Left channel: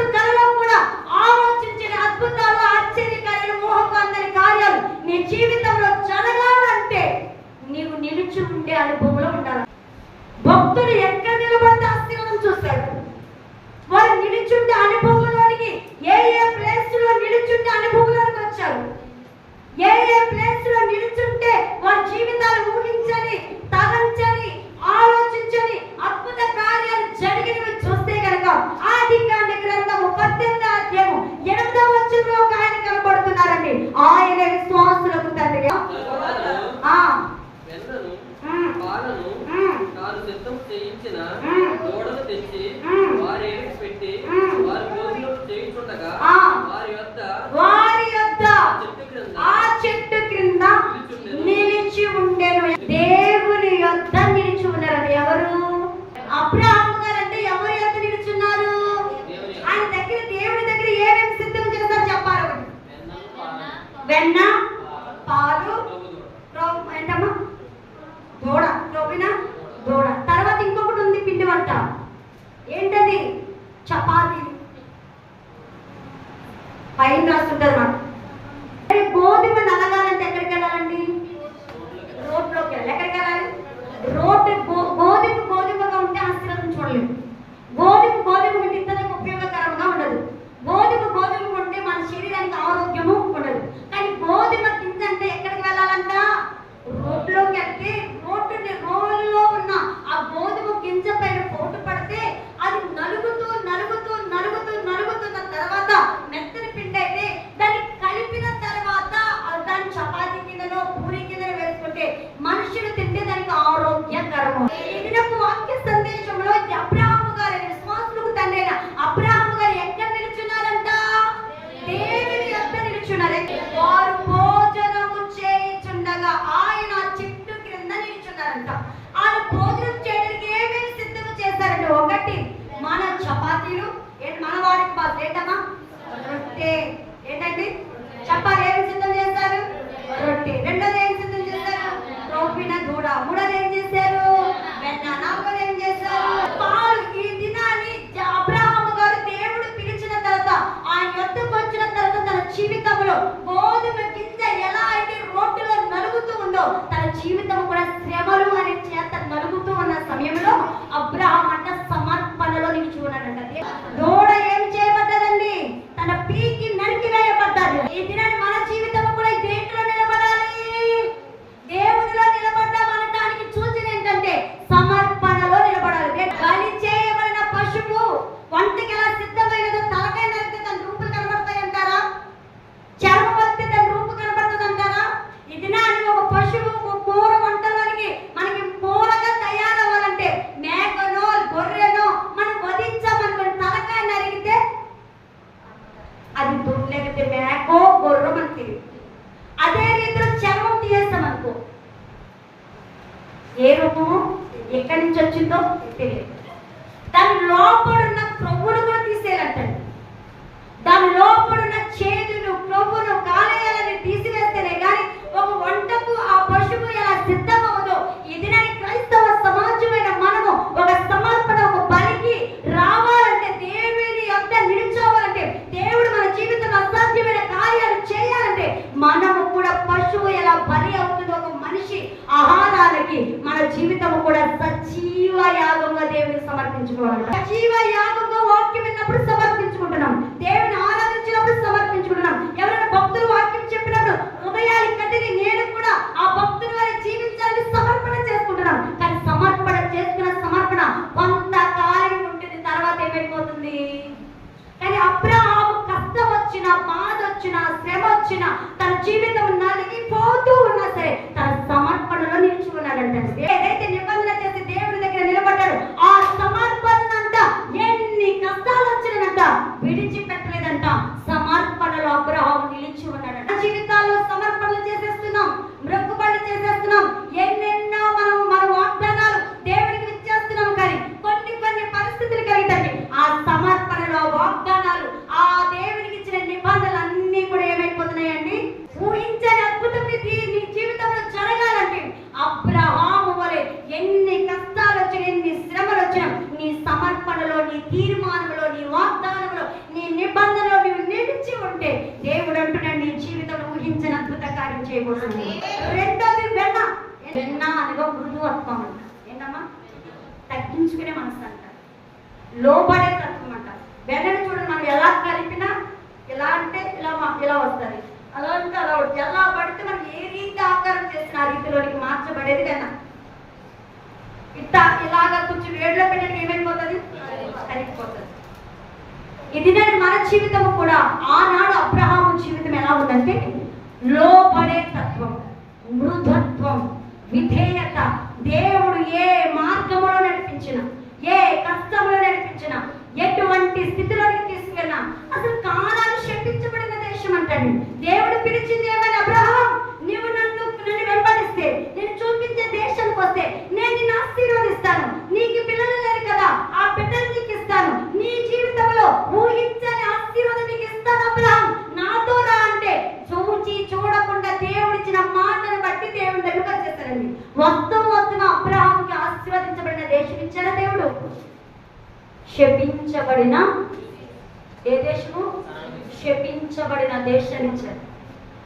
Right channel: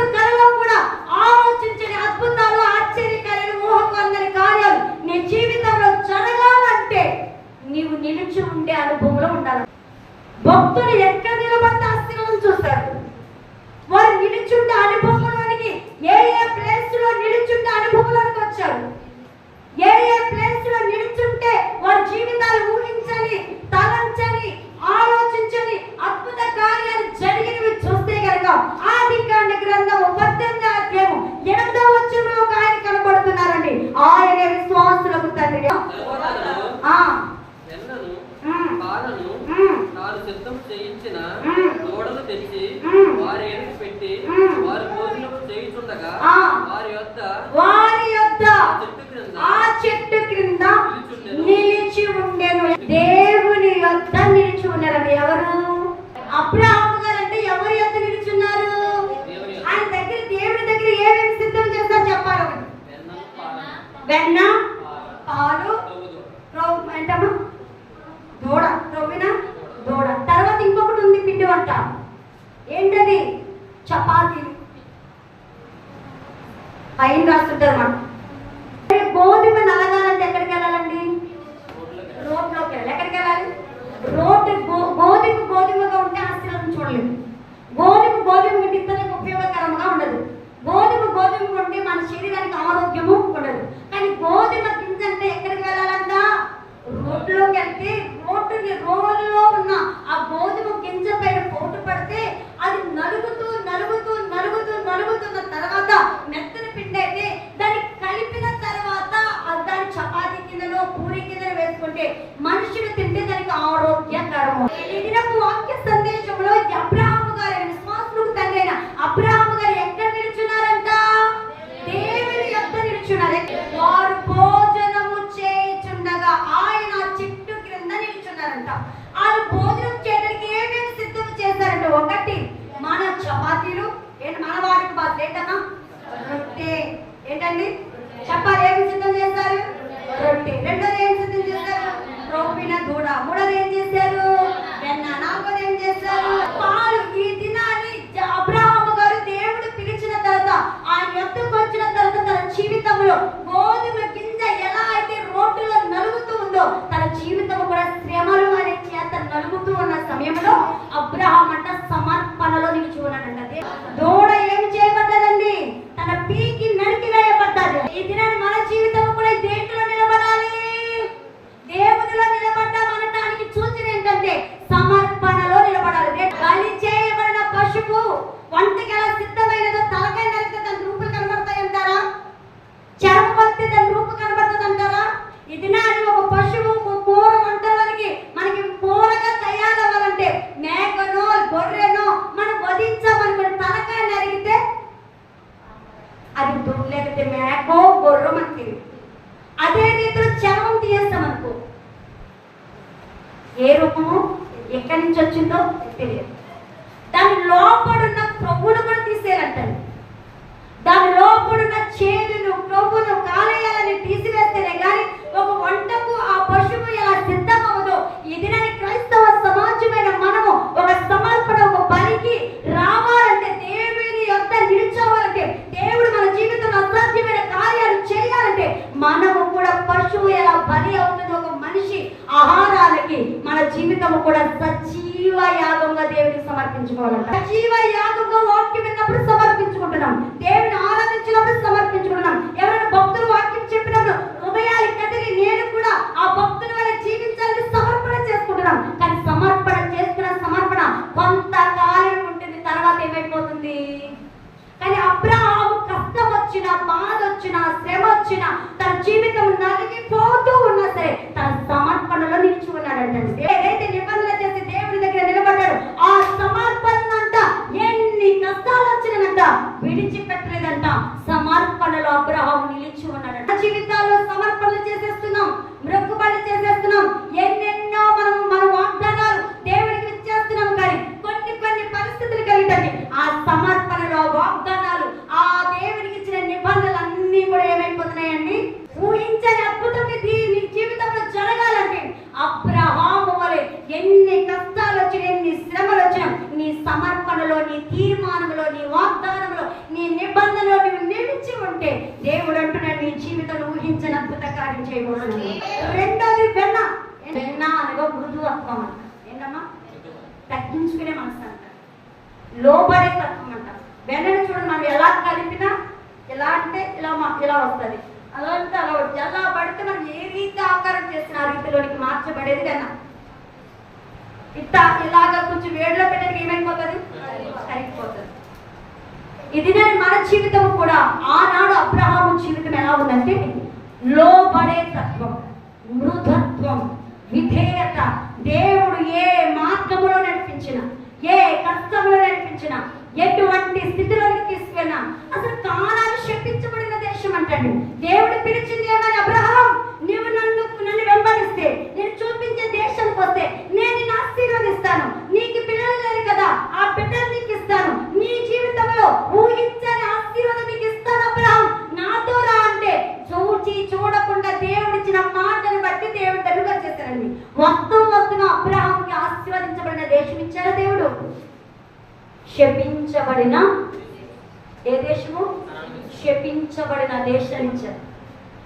ಬೇಕಾದ್ರೂ వారు సిద్ధం చేయించిన దూడలు తెచ్చి వారి ఎదురు పెట్టి వారి భోజనం చేయించుండగా వారి యొక్క వారి యొక్క ఆ చెట్టు క్రింద నిలిచి ఉండేను. దేవుని యొద్ద నిలిచి ఉన్నారండి ఎవరు? అబ్రహాం గారు అంటే ఎవరి ఆయన దగ్గర దేవుని దగ్గర ఏమేమి సిద్ధం చేస్తారు చెప్పాలి ఒకటి? వెన్న పాలు. ఏంటమ్మా? దూడ రోమిన అంట. ఏంటది? చపాతి. పైన రాస్తుంటారు మనం గోధుమ నలగాలంటే ఎక్కడికి వెళ్ళాలండి? రోడ్లోకి వెళ్ళాలి. ఎక్కడికి వెళ్ళాలి? రోడ్డు గోధుమ గోధుమగా ఉంటే ఆశ్చర్యం చూడలేము గోధుమ గోధుమ విత్తనకు ఉపయోగకరంగా ఉండదు. గోధుమ గోధుమ ఉంటే మన శరీరానికి ఆరోగ్యము ఉండదు. కానీ గోధుమ గింజ అంటే ఎక్కడికి వెళ్ళాలంట? రోడ్లోకి వెళ్తే పొట్టుని రోలులో ఉన్న ఆ గోధుమ గింజ పైన పోటు పడితే అది నలుగుతూ నలుగుతూ నలుగుతూ నలుగుతున్న తర్వాత మెత్తని పిండైతే దాన్ని కలిపిన తర్వాత దాన్ని చపాతీ కిందలో పూరి కింద వేసుకుంటే మనుషులు తింటే దానికి ఆరోగ్యకరం. వాక్య సందేశంలో ఎబ్రా 大妈 ఏమైపోతుంది? కానీ అబ్రహాము కష్టం వచ్చిన బాధ వచ్చిన శ్రమ వచ్చిన తన జీవితం నలిగిపోతూ ఉన్నా సరే తన సమర్పణలో నిలిచి ఉన్నాడంటే ఏదైతే నిబంధన చేసి దేవుని దగ్గర నిలబడ్డాడు ఆ సమర్పణ అంట ఎన్ని కష్టాలు వచ్చినాయంట విడిచిపెట్టలేదంట సమర్పణలో అబ్రహాము నిలిచి ఉన్నాడంట మన జీవితాల్లో సమర్పణలు చేసేస్తున్నాం మృక్కుబడులు చేసేస్తున్నాం ఎన్నెన్నో మనం మన వాగ్దానాలు దేవుడికి ఇచ్చేస్తున్నాం కానీ కొన్ని కొన్ని పరిస్థితులు కలిగితే ఆ సమర్పణలో వాగ్దానాలు ఆ దేవుడికి ఇచ్చిన నిబంధనలు అన్ని కూడా ఏమైపోతున్నాయండి ఊహించని అద్భుతం నీ జీవితంలో జరగాలంటే అబ్రహాము వలె ఎన్ని కష్టాలు వచ్చినా ఎన్ని శ్రమలు వచ్చినా నీ సమర్పణలో నీ తీర్మానంలో నీ వాగ్దానంలో నీ నిబంధనలో నువ్వు నిలిచి ఉంటే దేవుడు అంటున్నాడు నీ జీవితంలో ఊహించని అద్భుత కార్యం చేయబోతుంది రెండోది వెన్న. వెన్న అనగా మృదువత్వం అంట ఏంటమ్మా తగ్గించుకునే మనసు అంట. లోబడే తత్వం అంట. వెన్నను చూడండి మనం ఎలా కలిపినా ఎలా అంటే ఇలా మాకు ఇలా వస్తుంది. అలా అంటే అలా వస్తుంది ఎలా పడితే మనం ఏ రీతి ఆకారం చేసిన ఆ రీతిలోనికి మార్చబడేది కన్నా? ఇట్లా ఇలాగా కొంచెం వేడిలో పెట్టడానికి ఏమైపోతుంది? కరిగిపోతుంది. ఇది నేను మన జీవితం కూడా. ఆనాడు అబ్రహాము జీవితం ఎలా ఉందంటే లోబడే తత్వం మృదత్వం విధేయత దేవుడు ఏ మార్గంలో నడిపించిన ఏ కష్టంలో నడిపించిన ఎటువంటి స్థితిలో తీసుకెళ్ళినా అసలు కాలాన్ని శపించబడిన దేశం అంటాడు దేవుడు పిలిచింది ఏమని అబ్రహాం నీవు నన్ను నన్ను వెంబడిస్తే నేను చూపించే దేశానికి వస్తే నేను నిన్ను ఆశీర్వదిస్తాను నీకు పిల్లలు లేరు కదా ఆ బిడ్డలు నీకు ఇస్తాను నీ జీవితంలో ఊహించని ఆశీర్వాదం నీకు ఇస్తాను అబ్రహాం నాతో రా అంటే చూచి చూడకుండా దేవుడిచ్చిన మాటను బట్టి దేవుడి దగ్గరకు వచ్చేస్తారండి మొత్తం మొత్తం అబ్రహాంకి ఆశీర్వదించబడిన దేశం ఇచ్చారా దేవుడు శపించబడిన ఏ దేశము? శపించబడిన దేశం ఇచ్చారు.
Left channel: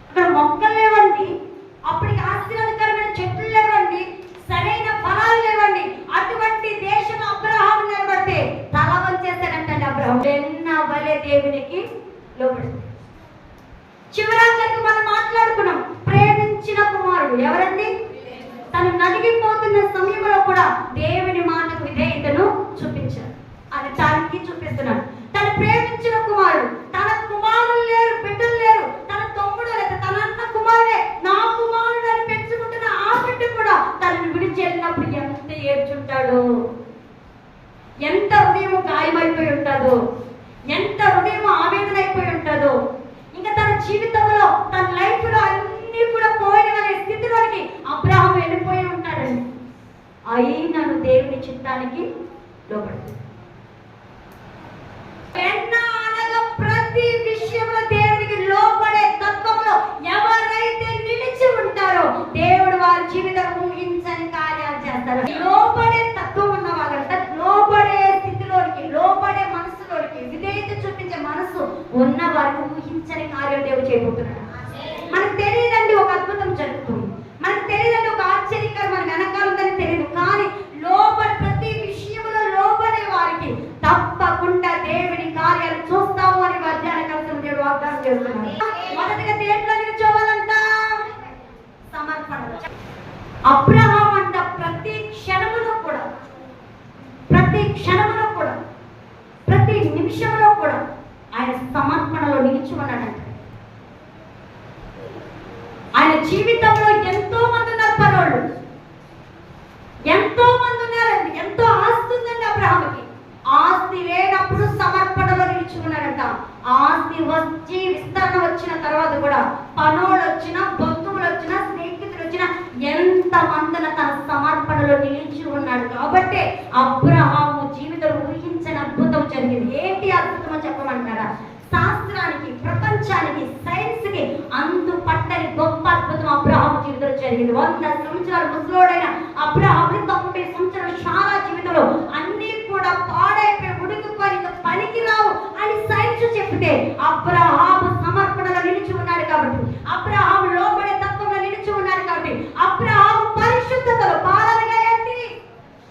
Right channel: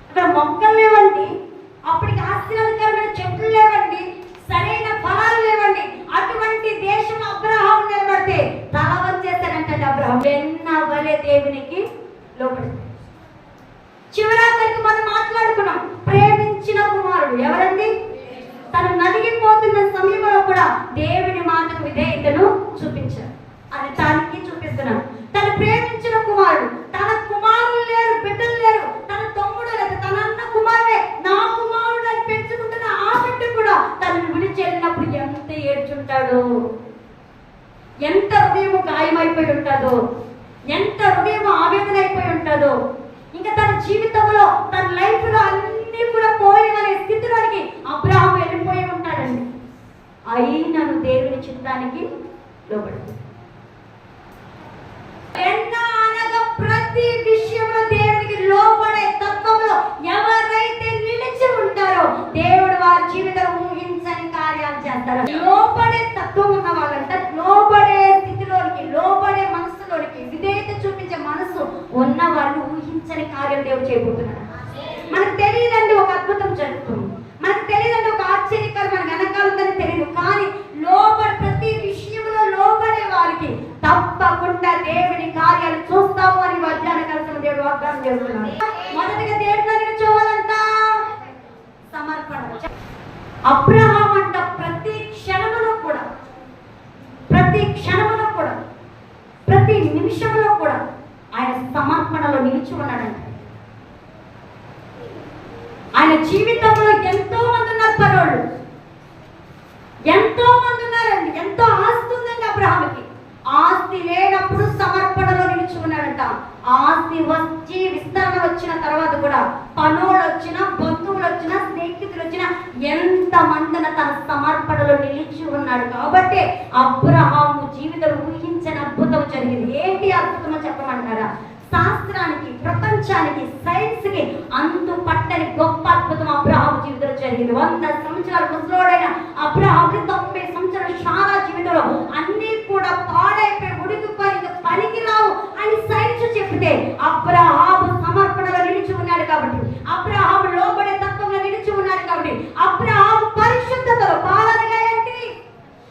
అక్కడ మొక్కలు లేవండి. అప్పటికి ఆశీర్వాదకరమైన చెట్లు లేవండి. సరైన ఫలాలు లేవండి. అటువంటి దేశం అబ్రహాం నిలబడితే తల వంచేస్తాడంటే అబ్రహం వెన్న వలే దేవునికి లోపడింది చివరాఖరికి మనం మాట్లాడుకున్నాం. ప్రేమించిన కుమారుడు ఎవరండి? తను నలిగిపోతున్న సమయంలో కూడా దేవుని మాటకు విధేయతను చూపించారు. అని దానికి చూపిస్తున్నాడు. తను ప్రేమించిన కుమారుడు తన కుమారులు లేరు బిడ్డలు లేరు తన తమ్ముడు లేదు తన అన్న కుమారుడే నా కుమారుడు అని పెంచుకుంటున్న ఆ బిడ్డ కూడా తనని విడిచి వెళ్ళినప్పుడు ఎంత ఏడ్చుంటాడు ఎంత హృదయం గాయమైపోయి ఉంటుందో ఎంత హృదయం ఆవేదన అయిపోయి ఉంటుందో ఇంకా తన జీవితంలో తన లైఫ్లో అన్ని కూడా పోయినవనే స్థితిలోనికి అబ్రాహం వెళ్ళిపోయి ఉంటాడండి. అయినను దేవుని చిత్తానికి లోపడుతుంది ఎన్న అనగా ప్రతి విషయంలో దేవునికి లోబడే తత్వంలో ఎవరైతే నిలిచి ఉంటారో దేవుడు వారి జీవితం ఊహించని కార్యాలు చేస్తారు లోబడే తత్వం ఉన్న వాళ్ళంటే లోబడే స్థితిలోనికి లోబడే మనసులోనికి విధేయత చూపించే మనసు ఉన్న వారిని ఊహించని కార్యం దేవుడు చేయబోతున్నాడు. మనకు తెలియదండి ఒక అద్భుతం జరుగుతుంది. మనకు తెలియదండి ఒక ఆశ్చర్యకరమైన వెనకాలందని తెలియదు. కానీ లోపల ప్రతి విషయంలో లోపలే వారికి తప్పకుండా దేవుని కార్యాలు చూస్తాము అని మధ్యాహ్న కలిసిన దేవుడు వాగ్దానం చేస్తున్నాడు. మొదటిగా దేవుడిలో నిల్చోవాలంట సమర్పణ. అబ్రహాం అంట ప్రతి క్షణములో కూడా ప్రతి క్షణములో కూడా ప్రతి నిమిషంలో కూడా ఉన్నాడంట ఆయన జీవితంలో ఎంతో మంది ఉన్నారు పరోళ్ళు ఎంతో మంది ఉన్నారండి. ఎంతో ఆస్తి ఉందండి అబ్రహాముకి. ఆస్తి లేనప్పుడు సమర్పణలో నిలిచి ఉన్నాడంట. ఆస్తి వచ్చి విస్తరణ వచ్చిన తర్వాత కూడా పనులు వచ్చిన బంధువులు వచ్చిన స్నేహితులు వచ్చిన ఎంత మందిన తన సమర్పణలో నిలిచి ఉన్నాడు. కాబట్టి అబ్రహాము జీవితంలో ఊహించని అద్భుతం జరిగింది. ఏంటి అద్భుతమో చెప్పమంటారా? శాస్త్ర ప్రపంచానికి సైన్స్కి అంతు పట్టని గొప్ప అద్భుతం అబ్రహాం జీవితంలో జరిగింది. వంద సంవత్సరాలు ముసలోడైన అబ్రహాం తొంభై సంవత్సరాలు చాలా జీవితంలో అన్ని కూడా పాడైపోయి ఉడికిపోయి పనికి రావు అని సైన్స్ చెప్తే అబ్రహాం సమర్పణలో నిలిచి ఉన్నాడు కాబట్టి అబ్రహాం లోబడే తత్వంలో నిలిచి ఉన్నాడు కాబట్టి అబ్రహాం పరిశుద్ధతలో పాలనగా ఏంటి?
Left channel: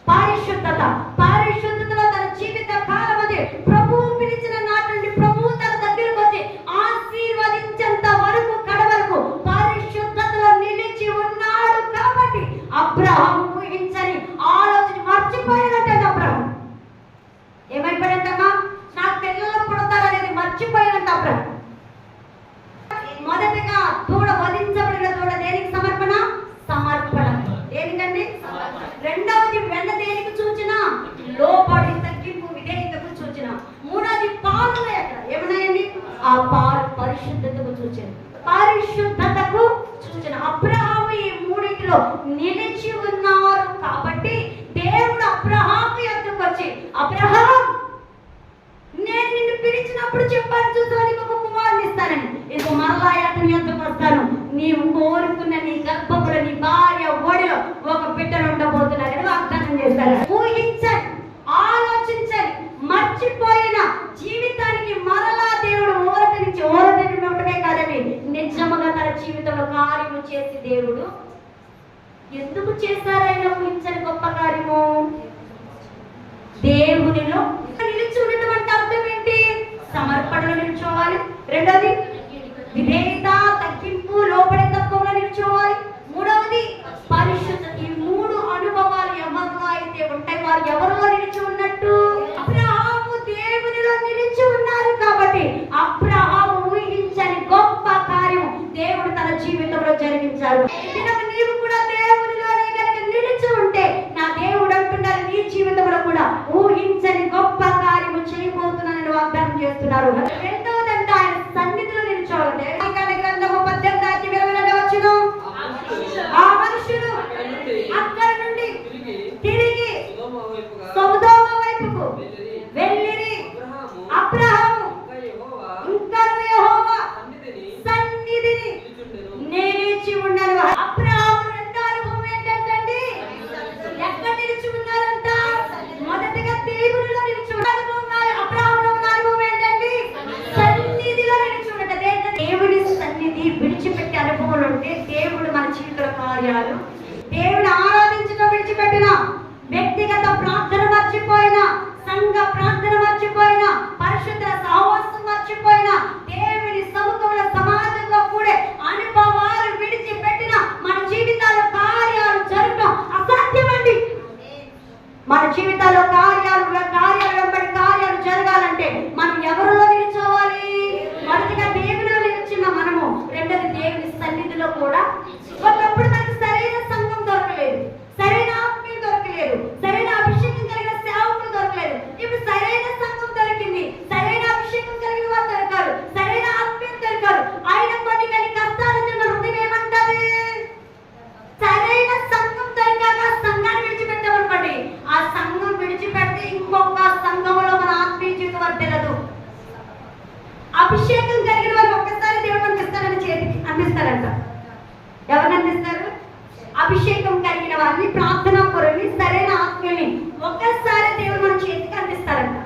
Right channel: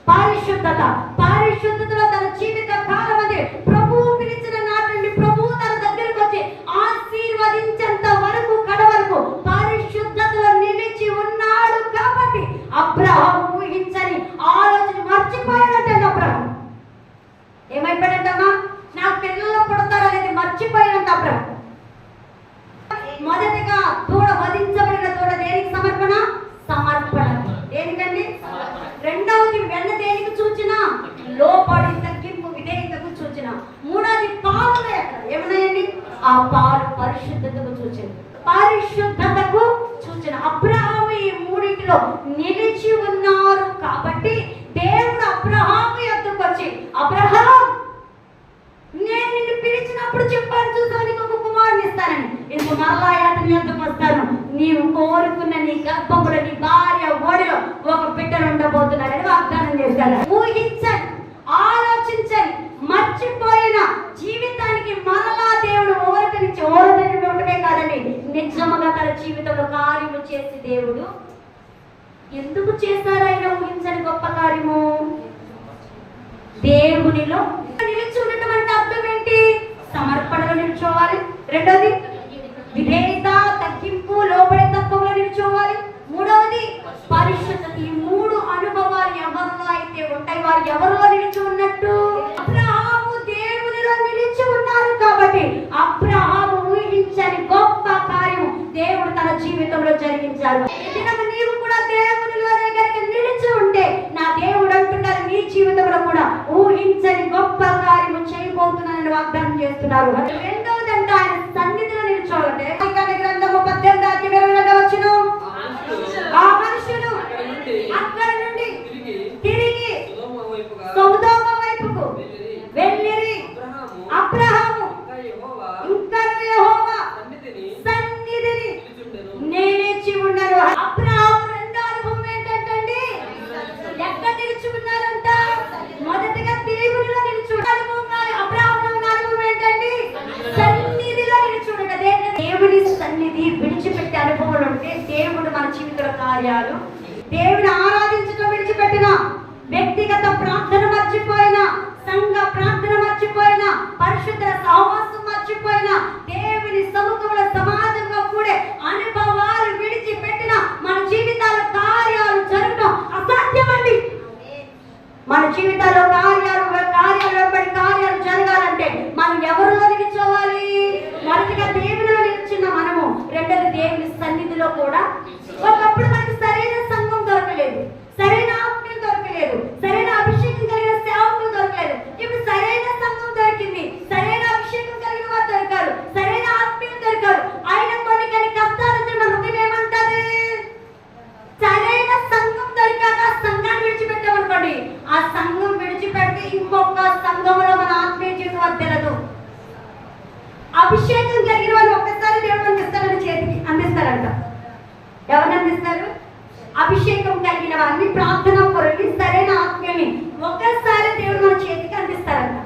పరిశుద్ధత. పరిశుద్ధతలో తన జీవిత కాలం అది ప్రభువు పిలిచిన నాటి నుండి ప్రభువు తన దగ్గరికి వచ్చి ఆశీర్వదించేంత వరకు కడ వరకు పరిశుద్ధతలో నిలిచి ఉన్నాడు కాబట్టి అబ్రహం ఊహించని ఆలోచన మర్చిపోయాడంటే అబ్రహం ఏమైపోయాడంటమ్మా నా పిల్లలు పుడతారనేది మర్చిపోయినంత అబ్రహం మొదటిగా దూడ వధించబడిన దూడ దేనికి సమర్పణ సమర్పణ దేనికండి రెండవది వెన్న దేనికి సూచన లోపడి తగ్గింపు విధేయతకు సూచన మూడవది పాలన ఎక్కడ ఏమన్నాయండి ఆ పాలు పరిశుద్ధతకు సూచన పరిశుద్ధతకు సూచన అబ్రహాము ఈ మూడింటిలో నిలిచి ఉన్నారు కాబట్టి దేవుడు అబ్రహాము యొక్కకు వచ్చి అబ్రహాం నేను నిన్ను పిలిచినప్పుడు చెప్పాను చూసావు నీకు ఒక కుమారుని ఇస్తానని ఇది మళ్ళా అతని ఎందుకు వస్తాను నీవు కోరుకున్న నీ గర్భములో నీ భార్య ఓడిలో ఒక బిడ్డను ఉండబోతున్నాడని వాగ్దానం చేశారు ఊహించండి ఆలోచించండి మర్చిపోయిన జీవితానికి మరలా దేవుడు ఓరటి నుంచి ఓరటి ఉండటమే కాదండి నిజముగా తన జీవితంలో కార్యము చేసి దేవుడు. ఎందుకు చేశారు ఆయన ఊహించని గొప్ప కార్యము? దేవునిలో నిలిచి ఉండటం అంటే అర్థం ఏంటి? సమర్పణలో నిల్చోవాలి. రెండోది విధేయత తగ్గింపు లోపడే తత్వంలో నిల్చోవాలి మూడవది పరిశుద్ధత ఈ మూడు అనుభవాలు ఎవరిలో అయితే ఉంటాయి వారు ఎవరిలో నిలిచి ఉన్నట్టు అబ్రహాము దేవునిలో నిలిచి ఉన్నారు కాబట్టి అబ్రహాము ఊహించని గొప్ప కార్యం దేవుడు తన జీవితంలో జరిగించారు దినము నీవు కూడా దేవునిలోనే కనుక నిలిచి ఉంటే నా దేవుడు అంటున్నారు నీ జీవితంలో కూడా ఊహించని గొప్ప కార్యము చేయబోతున్నానని వాగ్దానం చేస్తున్నారు రెండవదంట ఆయన సన్నిధిలో నిలిచోవాలంటే లేఖన గ్రంథము పద్దెనిమిది అధ్యాయం ఇరవై రెండవ వచనం. ఆ మనుషులు ఆ మనుషులు అక్కడి నుండి అక్కడి నుండి తిరిగి తిరిగి సొదొమ వైపుగా సొదొమ వైపుకు వెళ్ళిరి. వెళ్ళిరి అబ్రహాము అబ్రహాము ఇంకా యెహోవా ఇంకా యెహోవా సన్నిధిని సన్నిధిని నిలుచుండెను. నిలిచి ఉండరు అబ్రహాం రెండో అనుభవం ఏంటంటే ఎక్కడ నిలిచి ఉన్నారంట మొదటగా దేవునిలో నిలిచి ఉన్న అనుభవం కాదు. అబ్రహాంలో ఉన్న అనుభవం ఏంటంటే సన్నిధిలో నిలిచి ఉండట దేని- దేవుని సన్నిధి విడిచిపెట్టే అనుభవం ఉంటే దేవుడు మన జీవిత కార్యాలు దేవుని ఆరాధించడం విడిచిపెట్టిన వ్యక్తిగత ప్రార్థన మర్చిపోయిన సంఘ ప్రార్థన మర్చిపోయిన పరిశుద్ధ సహవాసం మర్చిపోయిన దేవుని సముఖముల సమాజంలో కూడా అనుభవాలు విడిచిపెట్టిన మన జీవితాల్లో కార్యాలు జరగడం అసాధ్యమండి. మన జీవితాల్లో కార్యాలు కార్యాలు వెంబడి కార్యాలు జరగాలంటే మనం ఎవరిలో నిలిచోవాలి మొదటిగా దేవునిలో నిలిచిన మనము రెండోది దేవుని సన్నిధిలో కూడా ఒకప్పుడు మనకి సరైన సంఘం దొరకలేదు సరైన ఆత్మీయం దొరకలేదు సరైన అభిషేకం కలిగిన సేవకులు దొరకలేదు ఇప్పుడు సరైన సంఘం దొరికింది సరైన అభిషేకం కలిగిన వారు దొరకారు సరైన ఆత్మీయం దొరకారు ఆయన కొన్ని కొన్ని కష్టాలు వచ్చిన హృదయం ఏమంటది సరైన సంఘం దొరికాక ఆ సంఘాన్ని విడిచిపెట్టామనుకోండి ఆ సంఘం విడిచిపెడితే ఇంకొక సంఘంలో మన ఆత్మీయ జీవితం వర్తిల్లదు అభిషేకం కలిగిన వారు ఒక్కసారి దేవుడు అందిస్తారని చేతికి అందిస్తారంట ఎవరిని అందిస్తారు అభిషేకం కలిగిన వారిని ప్రార్థన పరుని సరైన ఆత్మీయుని ఒక్కసారి దేవుడు మన చేతికి అందిస్తారంట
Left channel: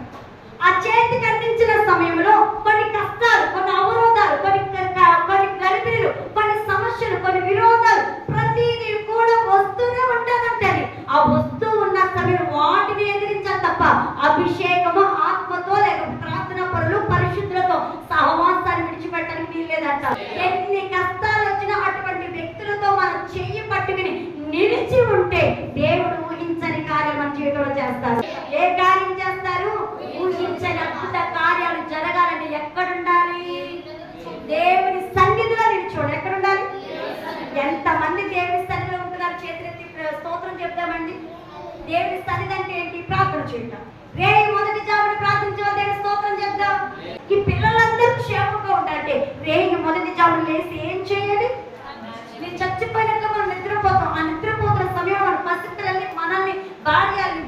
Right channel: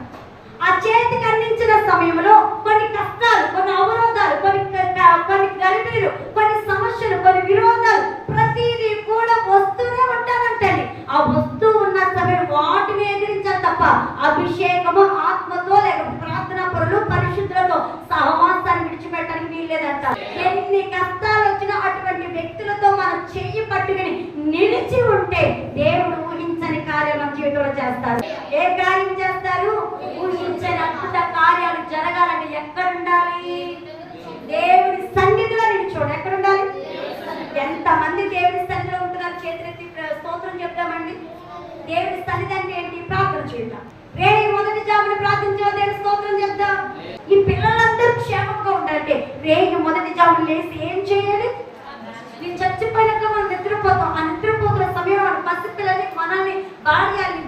ఆ చేతికి అందించిన సమయంలో కొన్ని కష్టాలు కొన్ని అవరోధాలు కొన్ని క- క- కొన్ని గలిబీలు కొన్ని సమస్యలు కొన్ని విరోధాలు ప్రతిదీ కూడా వస్తూనే ఉంటానంటే ఆ వస్తూ ఉన్న సమయం వాటిని ఎదిరించాలి తప్ప అభిషేకము ఆత్మతో లేక ప్రార్థన పరులు పరిశుద్ధులతో సహవాసాన్ని విడిచిపెట్టడానికి వీల్లేదంట ఎన్ని కష్టాలు వచ్చినా అటువంటి వ్యక్తులతో మనం చెయ్యి పట్టుకుని నిలిచి ఉంటే దేవుడు ఊహించని కార్యం మన జీవితంలో చేస్తారు. ఏ కార్యం చేస్తారు? ఊహించని అద్భుత కార్యాలు జరగాలంటే ఎక్కడ ఉండాలి దేవుని సన్నిధిలో నిల్చోండి ఎక్కడ ఉండాలి ఎంతమంది దేవుడి సన్నిధిలో ఉంటున్నారు? చేతులెత్తి స్తోత్రం చెప్తామండి దేవుడి సన్నిధి అంటే ఏంటి? ప్రార్థన చేద్దాం. రే మొదటి జాబుని ప్రార్థించే దేవుని స్తోత్రం చెప్దాం ఈ పిల్లలందరూ క్షేమంగా ఉండాలంటే రేగి మొదటి జాబులు లేసి ఏం చేయాలి? నేను చచ్చిపోయినాక మనం నిద్రపోతాం. ఆ నిద్రపోతున్న సమయం మన పసిపిల్లల్ని మనల్ని భార్యని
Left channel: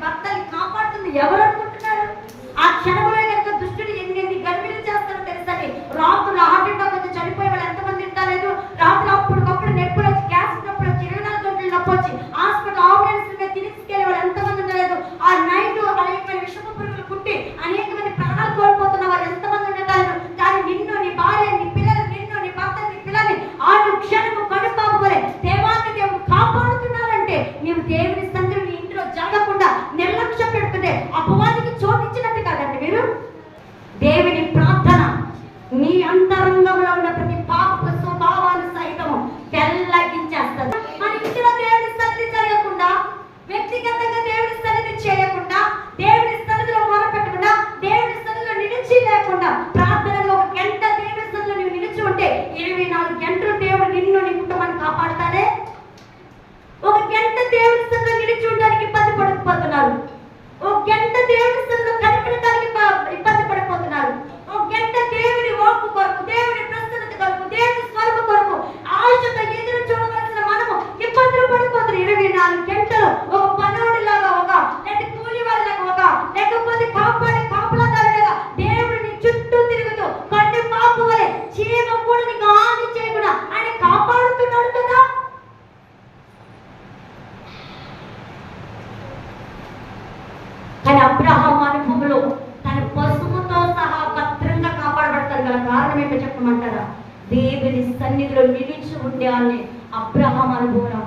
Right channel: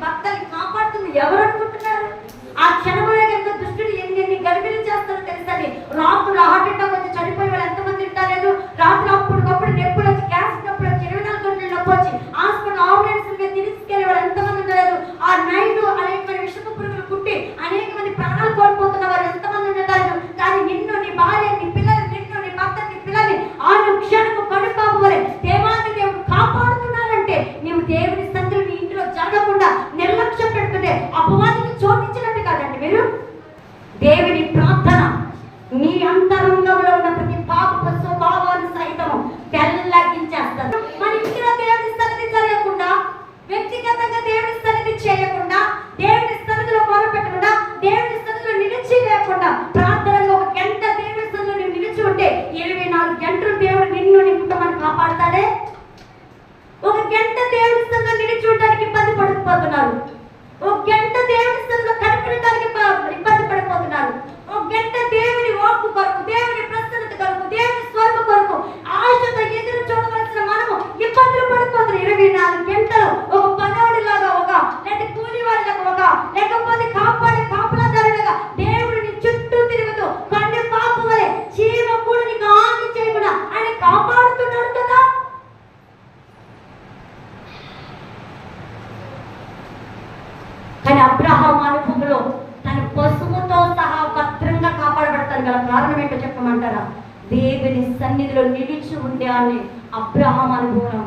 నిలిచి ఉండే అబ్రహాం అనుభవం.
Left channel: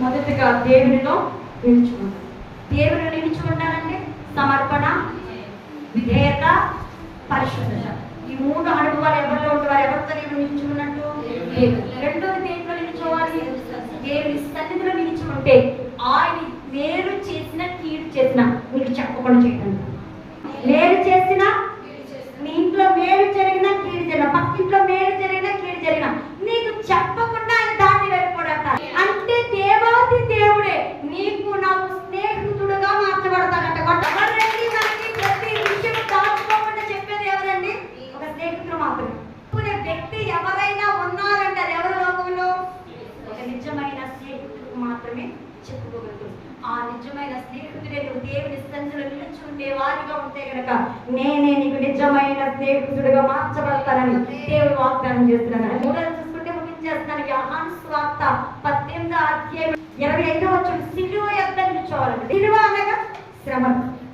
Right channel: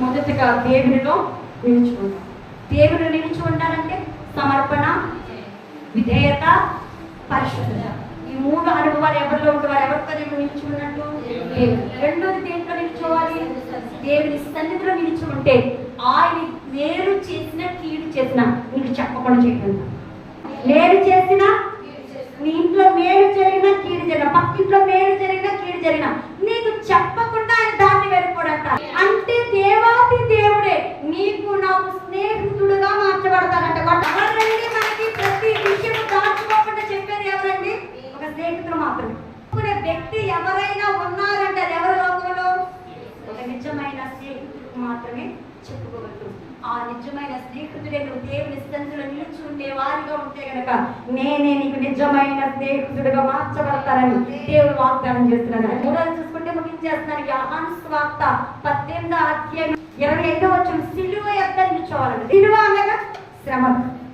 మొదటిగా దేవునిలో నిలుచుకుంటాం దేవుడు నిలిచి ఉండాలంటే సమర్పణ విధేయత పరిశుద్ధత. ఈ మూడు అనుభవాలు ఎవరిలో ఉంటారు ఎవరితో దేవుడు నిలిచి ఉన్నట్టు? రెండోది దేంట్లో నిలిచోవాలి దేవుని సన్నిధిలో నిలిచి ఉంటే ఆయన మేలు చేసిన తీరు చేసిన నీకు చెప్పకుండా చేయడం మేలు చేసిన మీ ఇంట్లో మేలు జరిగినా కీడు జరిగిన పక్కింట్లో మేలు జరిగినా కీడు జరిగిన నీకు చెప్పకుండా ఆయన దాన్ని వెళ్ళిపోడట. అంటే దేవాది దేవుడే నీకు నాకు స్నేహితుడుగా మార్చబడ ఎవరండి మనకి ప్రతి విషయం దాచుకోకుండా చెప్పేది ఎవరండి ఒక స్నేహితుడు మాత్రం చెప్పుకునే వ్యక్తి ఎవరైనా ఉన్నారంటే అది ఎవరు లోకంలో ఒక నిజమైన స్నేహితుడు మాత్రమే చెప్పుకోగలరు ఆ నిజమైన స్నేహితుడే నువ్వు దేవుని సన్నిధిలో నిలుచుండే వారిగా ఉంటే గనక నేనే నీకు నిజమైన స్నేహితుడిగా మార్చబడతానని దేవుడు వాగ్దానం చేస్తున్నాడు మూడోది చూసుకుంటే ముగించేస్తున్నాను యోహాను స్వార్త పద్దెనిమిదో అధ్యాయం ఇరవై ఐదో వచ్చిన సిలువ ఎద్ద నిల్చోవాలండి సిలువ అనగా శ్రమ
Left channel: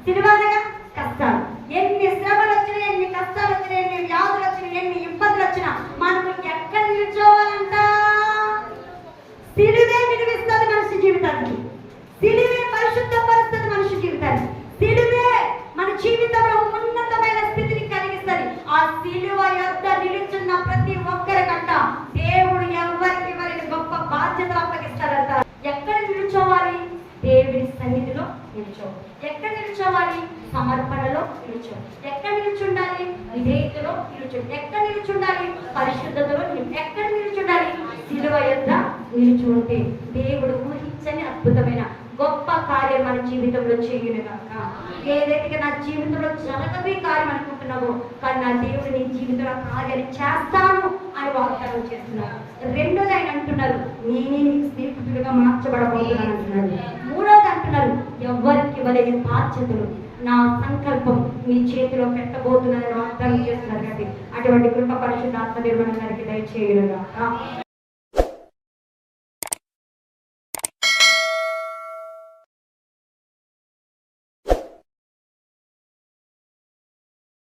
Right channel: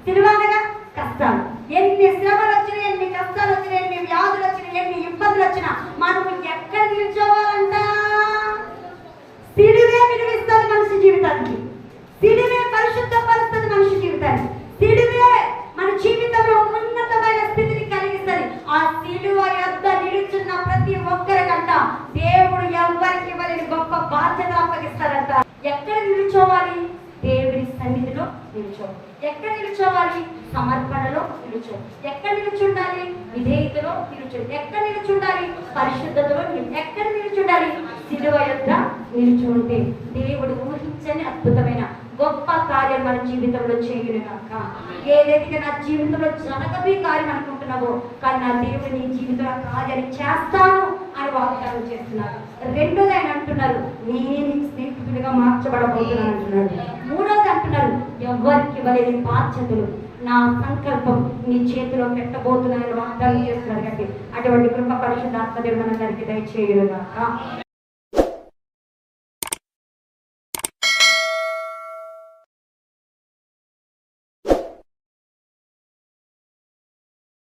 సిలువ అనగా కష్టాలు. ఎన్ని శ్రమలు వచ్చినా ఎన్ని కష్టాలు వచ్చినా ఎన్ని వ్యాధులు వచ్చినా ఎన్ని ఇబ్బందులు వచ్చినా మనకు ఎక్కడ నిల్చోవాలంట సిలువే విలువిస్తుంది మనిషి జీవితానికి. సిలువ పరిశుద్ధపరుస్తుంది మనిషి జీవితాన్ని సిలువే మన జీవితంలో ఉన్నతమైన స్థితిని కలిగిస్తుంది ఆ సిలువ యొక్క నిలుచున్న ప్రతి ఒక్కరికంట దేవుడు ఎవరికి ఇవ్వలేని గొప్ప బాధ్యత అప్పగిస్తారంట ఎక్కడ నిలుచోవాలి దేవుని సన్నిధిలో నిలుచోవాలి ఎక్కడ నిలుచోవాలి సమర్పణలో నిలుచోవాలి ఎక్కడ నిలుచుండాలి విధేయతలో నిలుచోవాలి ఎక్కడ నిలుచుండాలి? పరిశుద్ధతలో ఎక్కడ నిలుచుండాలి? సిలువ యొక్క నిలుచుంటే దేవుడు ఊహించని అద్భుతమైన గొప్ప కార్యం మన జీవితంలో చేయను ఏదైతే నా జీవితంలో జరగదు కార్యం అనుకుంటున్నావో కానీ నా దేవుడు నీ జీవితంలో ఆ కార్యాన్ని చేస్తాను అని వాగ్దానం చేస్తున్నారు. రెండోది ఆయన అంటున్నారు నేనే నీకు స్నేహితుడిగా మార్చబడబోతున్నాను అంటున్నారు. మూడోది అంటున్నారు ఎవరికి ఇవ్వలేని బాధ్యతలు? నా సంకల్పం మీ చేతిలో పెట్టబోతున్నానని వాగ్దానం చేస్తున్నారు కాబట్టి అటువంటి కృప పరిశుద్ధ ఆత్మదేవుడు అందరికీ దయచేయను